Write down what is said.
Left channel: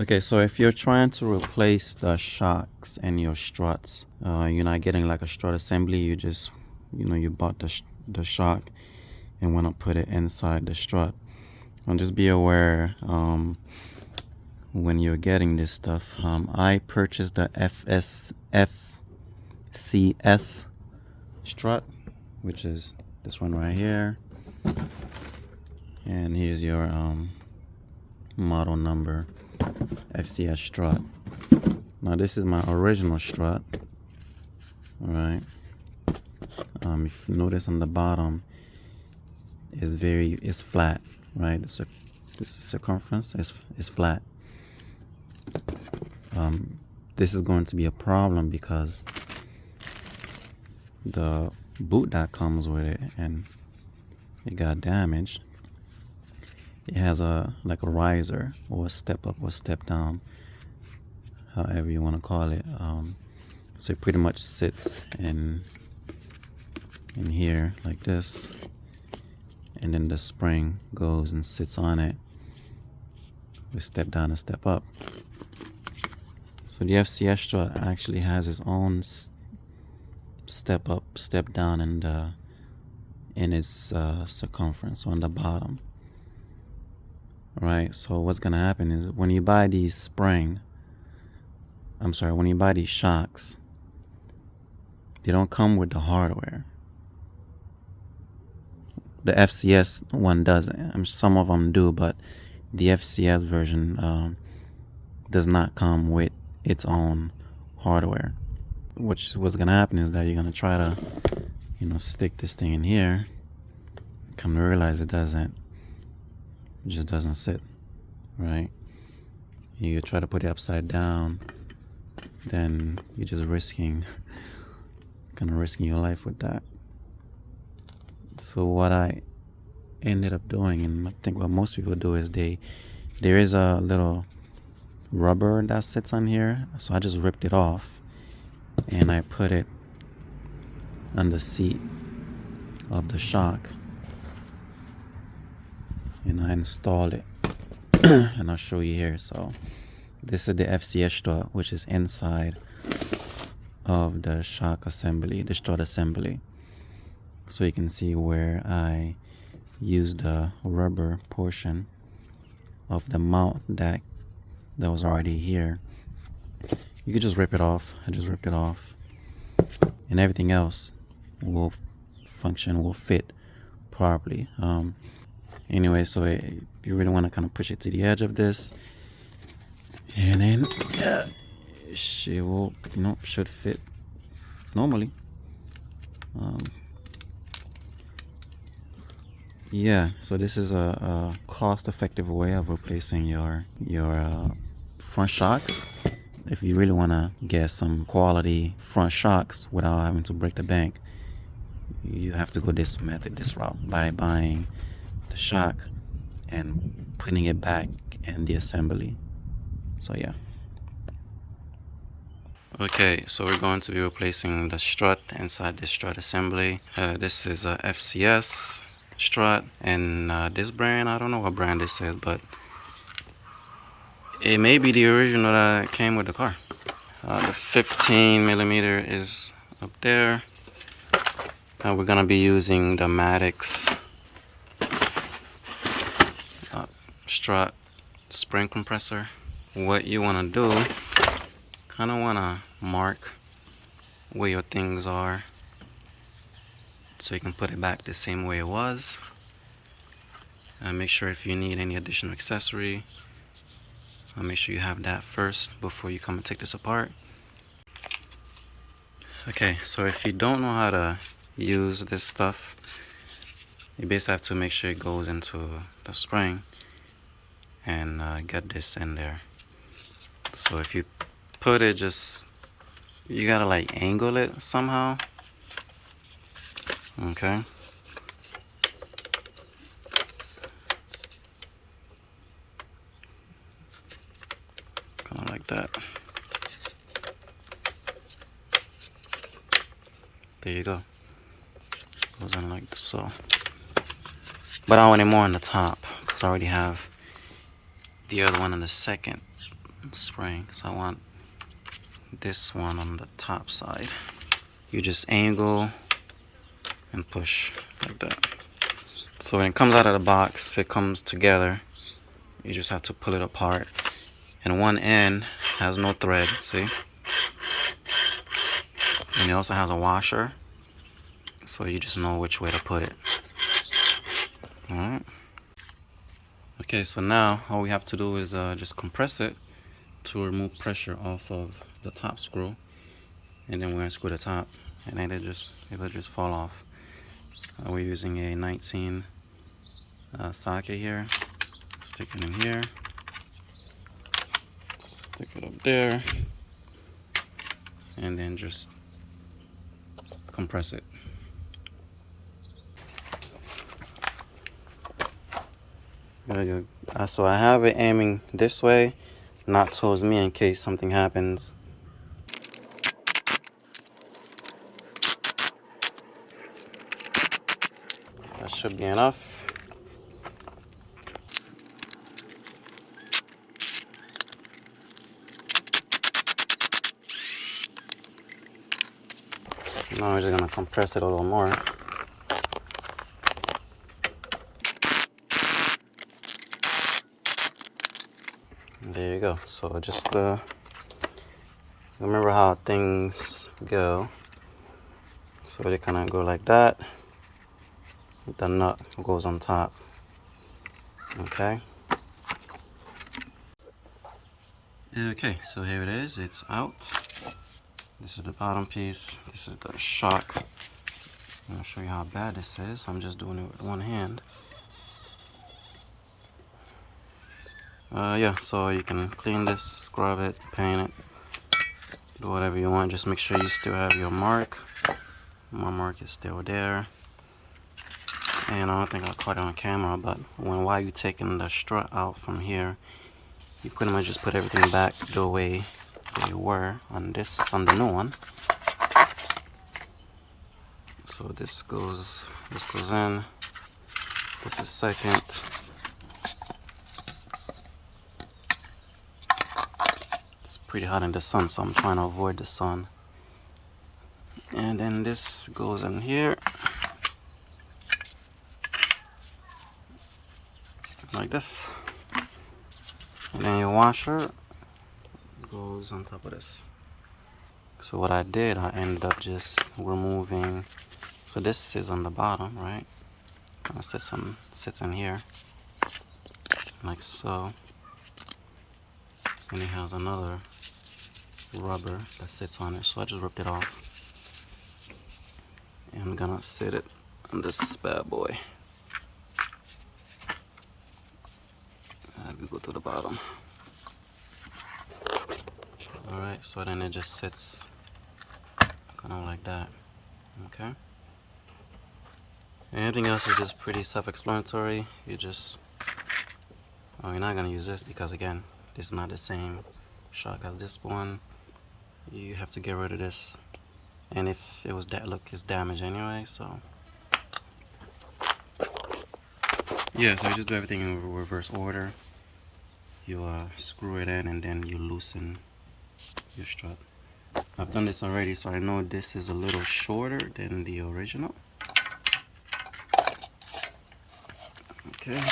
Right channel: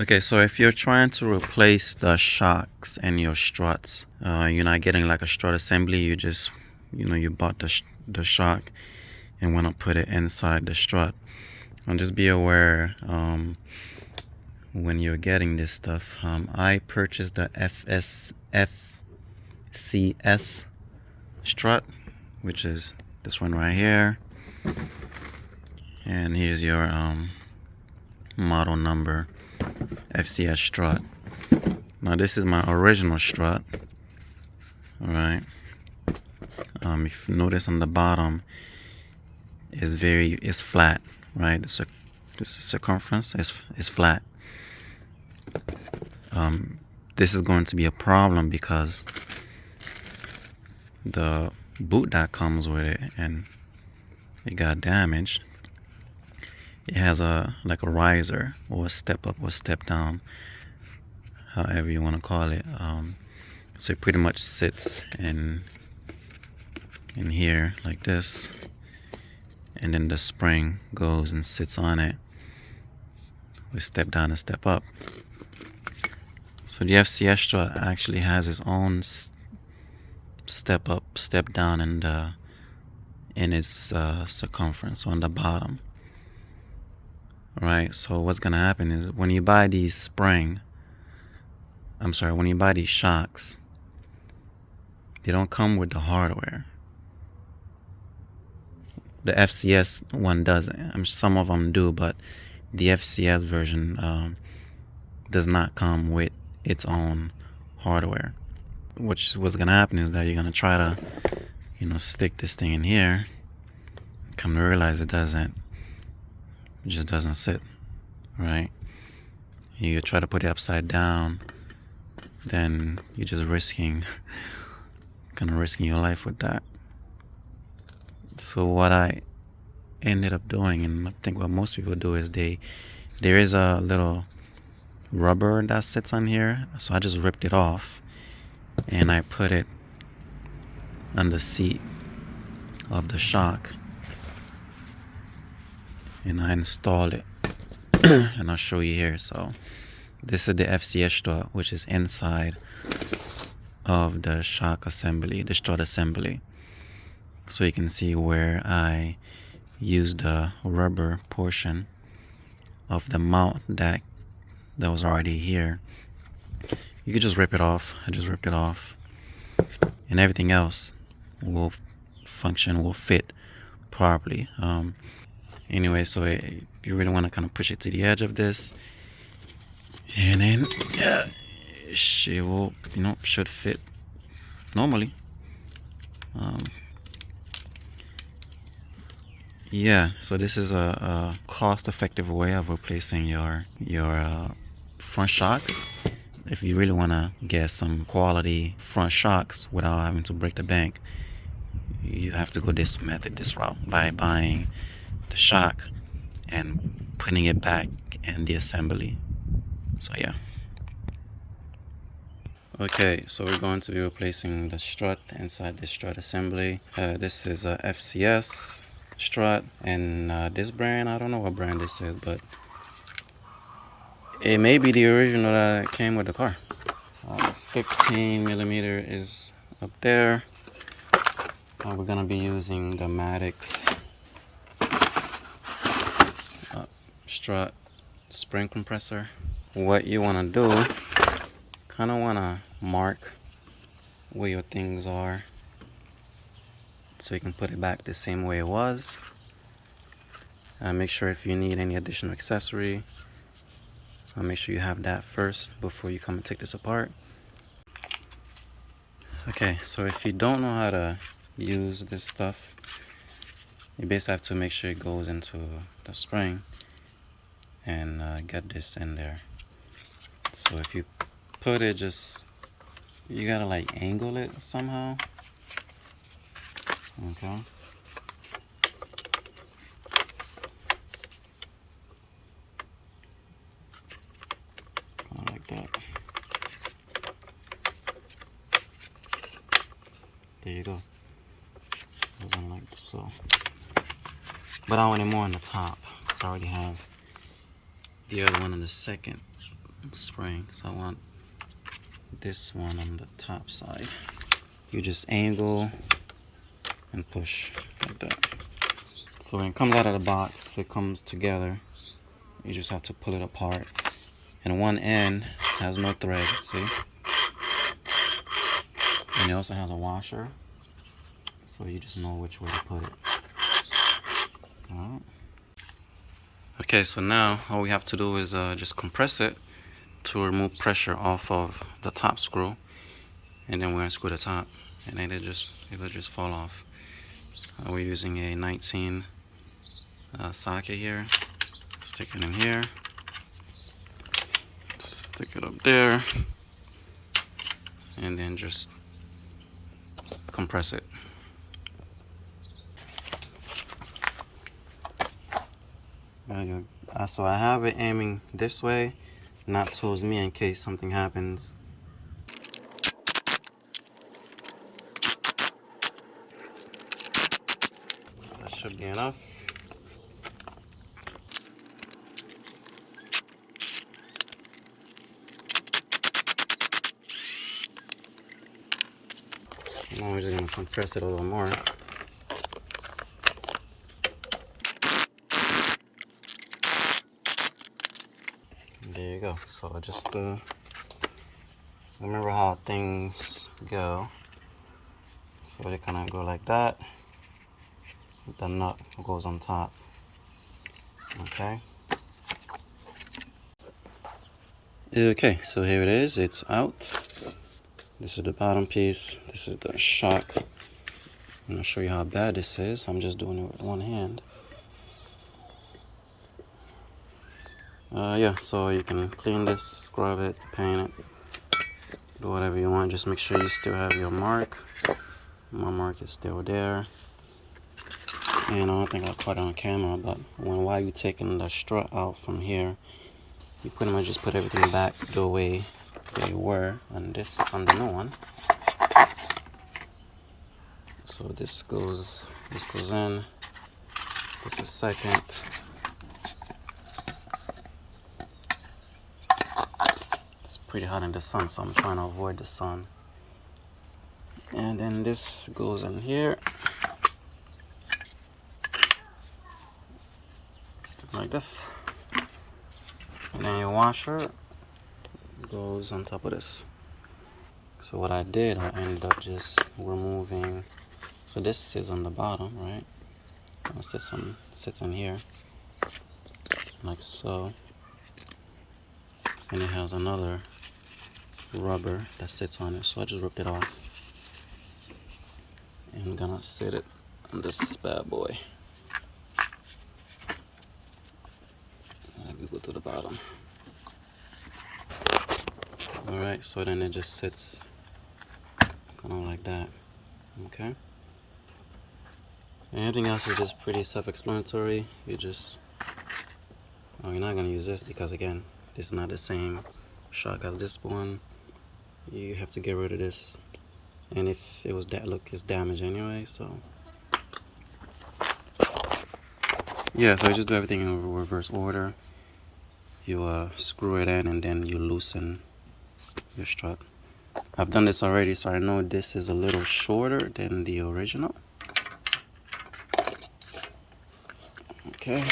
Okay, so if you're trying to replace the shocks and your struts, you're not getting like a strut assembly. You just, you bought the shock and want to put it inside the strut. And just be aware when you're getting this stuff. I purchased the FCS strut, which is this one right here. And here's your model number. FCS strut. Now this is my original strut. All right. If you notice on the bottom is flat, right? The circumference is flat. This is going to be a problem because the boot that comes with it and it got damaged. It has a riser or a step up or step down, however you want to call it. So it pretty much sits in here like this, and then the spring goes and sits on it with step down and step up. So the FCS strut actually has its own step up, step down in its circumference on the bottom. Right, so what's gonna happen is when you buy these shocks, they don't come with the hardware. The FCS one doesn't. Some of them do, but the FCS version does not come with its own hardware. What's gonna happen is that you're gonna try to, stick this thing in here. Come to realize it just doesn't sit, right? You try to put it upside down, then you're just risking your life with that. So what I ended up doing, and I think what most people do, is there is a little rubber that sits on here, so I just ripped it off and I put it on the seat of the shock and I installed it. And I'll show you here. So this is the FCS strut, which is inside of the shock assembly, the strut assembly. So you can see where I used the rubber portion of the mount that was already here. You could just rip it off. I just ripped it off, and everything else will fit properly. Anyway, so you really want to kind of push it to the edge of this, and then she will, should fit normally. Yeah, so this is a cost-effective way of replacing your front shocks. If you really want to get some quality front shocks without having to break the bank, you have to go this route, by buying the shock and putting it back in the assembly. So yeah. Okay, so we're going to be replacing the strut inside the strut assembly. This is a FCS strut, and this brand, I don't know what brand this is, but it may be the original that came with the car. The 15 millimeter is up there. We're gonna be using the Maddox strut spring compressor. What you want to do, kind of want to mark where your things are so you can put it back the same way it was. Make sure if you need any additional accessory, make sure you have that first before you come and take this apart. Okay, so if you don't know how to use this stuff, you basically have to make sure it goes into the spring and get this in there. So if you put it, you gotta angle it somehow. Okay. Kind of like that. There you go. Goes in like so. But I want it more on the top because I already have the other one on the second spring, so I want this one on the top side. You just angle and push like that. So when it comes out of the box, it comes together. You just have to pull it apart. And one end has no thread, see? And it also has a washer, so you just know which way to put it. Alright. Okay, so now all we have to do is just compress it to remove pressure off of the top screw, and then we're gonna screw the top, and then it'll just fall off. We're using a 19 socket here. Stick it in here. Stick it up there, and then just compress it. So I have it aiming this way, not towards me in case something happens. That should be enough. Now we're just gonna compress it a little more. There you go. So just remember how things go. So they kind of go like that. The nut goes on top. Okay. Okay, so here it is. It's out. This is the bottom piece. This is the shock. I'm gonna show you how bad this is. I'm just doing it with one hand. Yeah, so you can clean this, scrub it, paint it, do whatever you want. Just make sure you still have your mark. My mark is still there. And I don't think I caught it on camera, but while you're taking the strut out from here, you pretty much just put everything back the way they were on the new one. So this goes in. This is second. It's pretty hot in the sun, so I'm trying to avoid the sun. And then this goes in here, like this. And then your washer goes on top of this. So what I did, I ended up just removing. So this is on the bottom, right? It sits in here, like so. And it has another rubber that sits on it. So I just ripped it off. And I'm gonna sit it on this bad boy. And we go to the bottom. Alright, so then it just sits kind of like that. Okay. And everything else is just pretty self-explanatory. You're not gonna use this because again, this is not the same shock as this one. You have to get rid of this, and if it was it's damaged anyway. So yeah, so you just do everything in reverse order. You screw it in, and then you loosen your strut. I've done this already, so I know this is a little shorter than the original. Okay,